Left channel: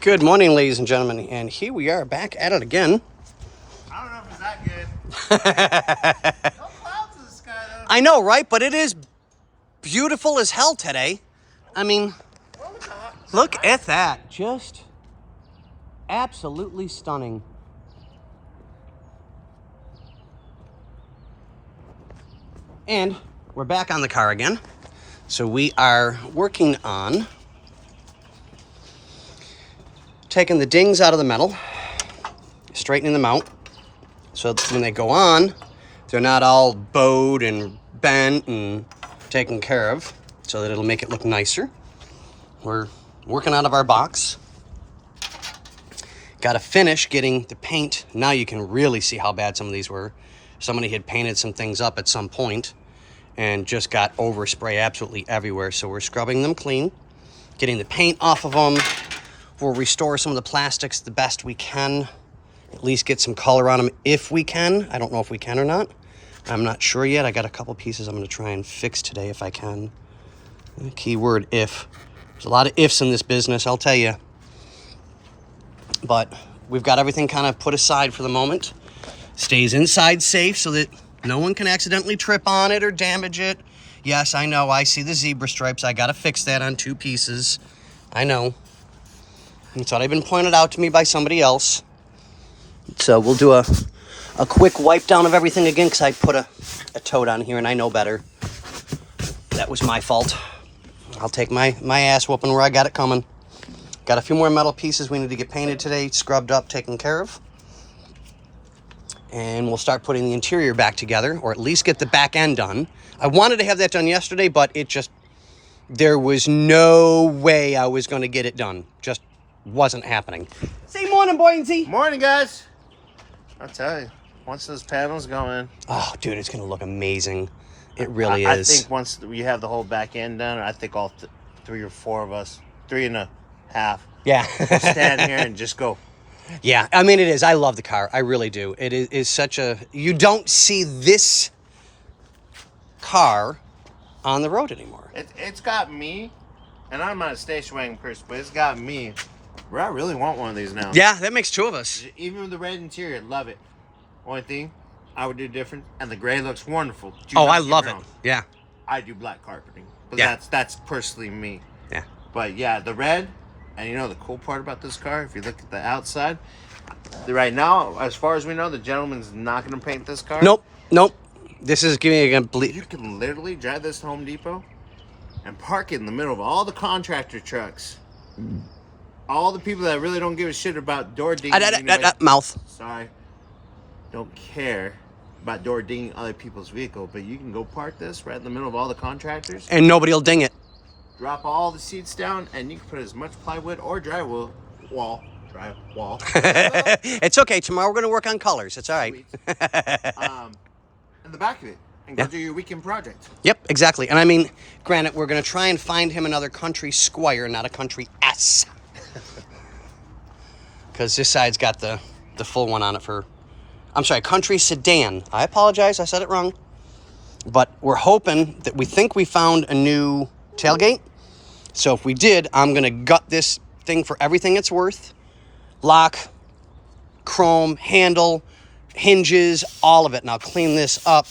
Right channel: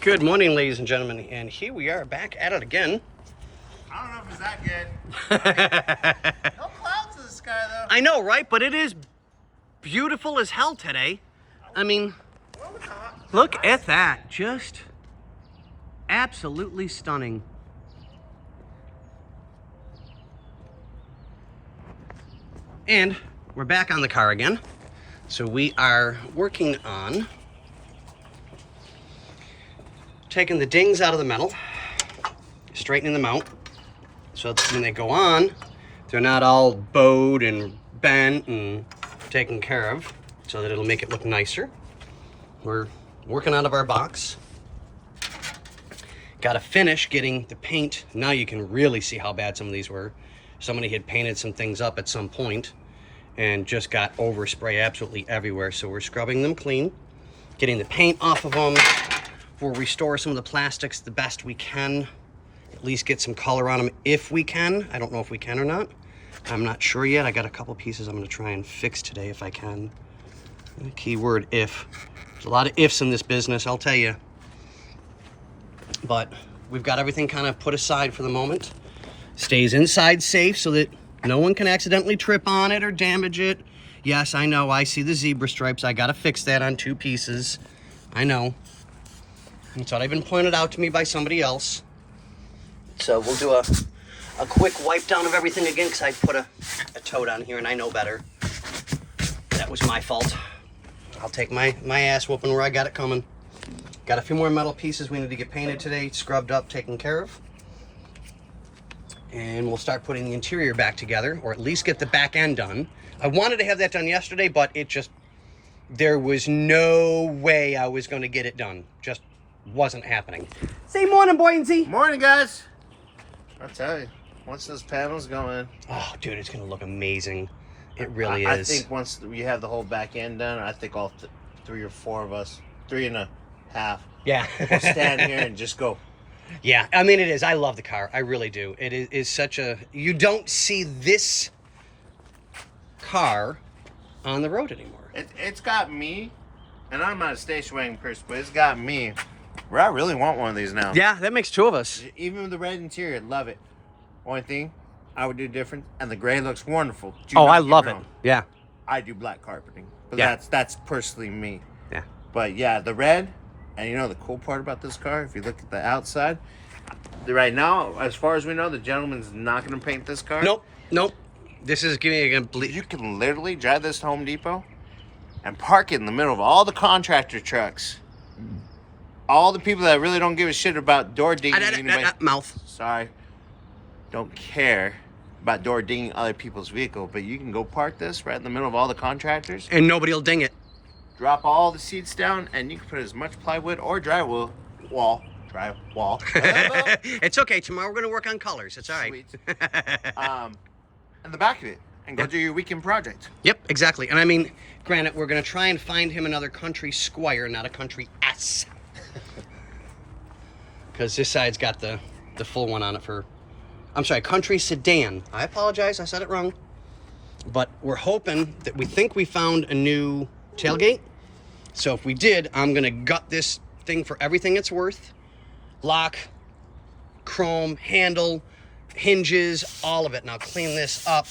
Good morning, ladies and gentlemen, and here we are back at it again. I don't know if it's that good. No clouds in the sky, though. I know, right? But it is beautiful as hell today. I mean, look at that. Just absolutely stunning. And we're back on the car again. So we are working on taking the dings out of the metal, straightening them out, so that when they go on, they're not all bowed and bent and taken care of, so that it'll make it look nicer. We're working out of our box. Got to finish getting the paint. Now you can really see how bad some of these were. Somebody had painted some things up at some point and just got overspray absolutely everywhere. So we're scrubbing them clean, getting the paint off of them. We'll restore some of the plastics the best we can, at least get some color on them if we can. I don't know if we can or not. I'm not sure yet. I got a couple pieces I'm gonna try and fix today if I can. Keyword if. There's a lot of ifs in this business, I'll tell you. But we've got everything kind of put aside for the moment. Stays inside safe so that no one can accidentally trip on it or damage it. Yes, I know, I see the zebra stripes. I gotta fix that on 2 pieces. I know. It's already been pointed out to me by somebody else. So we'll do a quick wipe down of everything again, because I put a toad on here and I know better. That was my fault. I'll take my ass whooping where I got it coming. Got a few more metal pieces we need to get painted today, scrubbed up, taken care of. And we'll start putting the interior back together, or at least get the back end done. I wanted to have that done yesterday, but there was no way I was going to get it done. Just wasn't happening. Say morning, Buoyancy. Morning, guys. I'll tell you, once those panels go in. Oh, dude, it's going to look amazing. It really is. I think once we have the whole back end done, I think all 3 or 4 of us, 3 and a half. Yeah. We'll stand here and just go. Yeah, I mean, it is. I love the car. I really do. It is such a... You don't see this car on the road anymore. It's got me, and I'm not a station wagon person, but it's got me where I really want one of these now. Yeah, that makes 2 of us. Even with the red interior, love it. Only thing I would do different, and the gray looks wonderful. Oh, I love it. Yeah. I do black carpeting, but Yeah. that's personally me. Yeah. But yeah, the red, and you know the cool part about this car, if you look at the outside, right now, as far as we know, the gentleman's not going to paint this car. Nope. This is giving you a complete... You can literally drive this to Home Depot and park it in the middle of all the contractor trucks. All the people that really don't give a shit about door dinging. Mouth. Sorry. Don't care about door dinging other people's vehicle, but you can go park this right in the middle of all the contractors. And nobody will ding it. Drop all the seats down, and you can put as much plywood or drywall. It's okay. Tomorrow we're going to work on colors. It's all right. Sweet. In the back of it, and go do your weekend project. Yep, exactly. And I mean, granted, we're going to try and find him another country Squire, not a country S. Because this side's got the full one on it for... I'm sorry, country sedan. I apologize, I said it wrong. But we're hoping that we think we found a new tailgate. So if we did, I'm going to gut this thing for everything it's worth. Lock, chrome, handle, hinges, all of it. And I'll clean this up,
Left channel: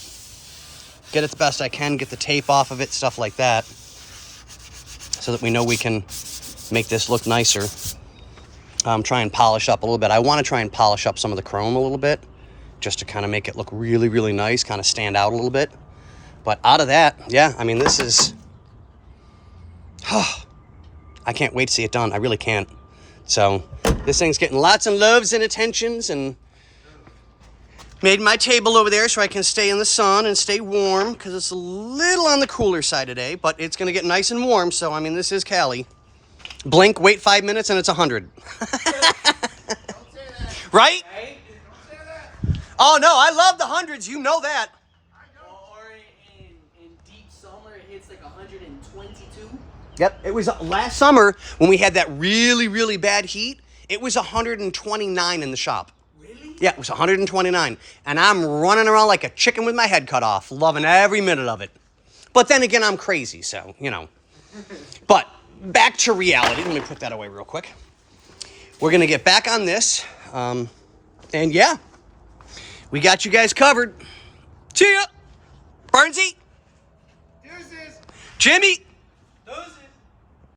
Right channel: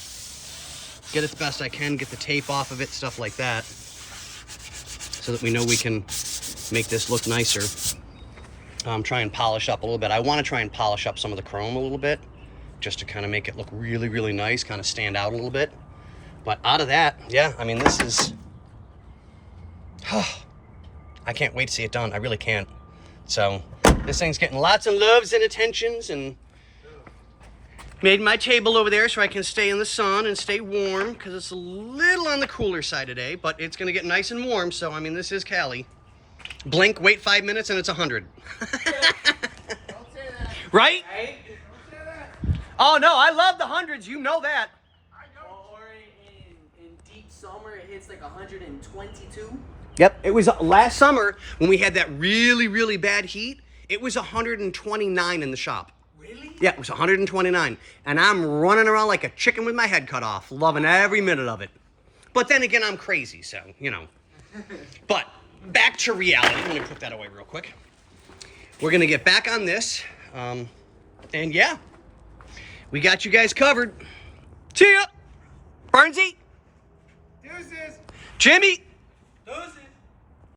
get it the best I can, get the tape off of it, stuff like that, so that we know we can make this look nicer. Try and polish up a little bit. I want to try and polish up some of the chrome a little bit, just to kind of make it look really, really nice, kind of stand out a little bit. But out of that, yeah, I mean, this is... I can't wait to see it done. I really can't. So this thing's getting lots of loves and attentions, and made my table over there so I can stay in the sun and stay warm, because it's a little on the cooler side today, but it's going to get nice and warm. So, I mean, this is Cali. Blink, wait 5 minutes, and it's 100. Right? Oh, no, I love the hundreds. You know that. Or in deep summer, it hits like 122. Yep, it was last summer when we had that really, really bad heat. It was 129 in the shop. Really? Yeah, it was 129. And I'm running around like a chicken with my head cut off, loving every minute of it. But then again, I'm crazy, so, you know. But back to reality. Let me put that away real quick. we're going to get back on this. And yeah, we got you guys covered. See ya. Barnesy. Deuces. Jimmy. Those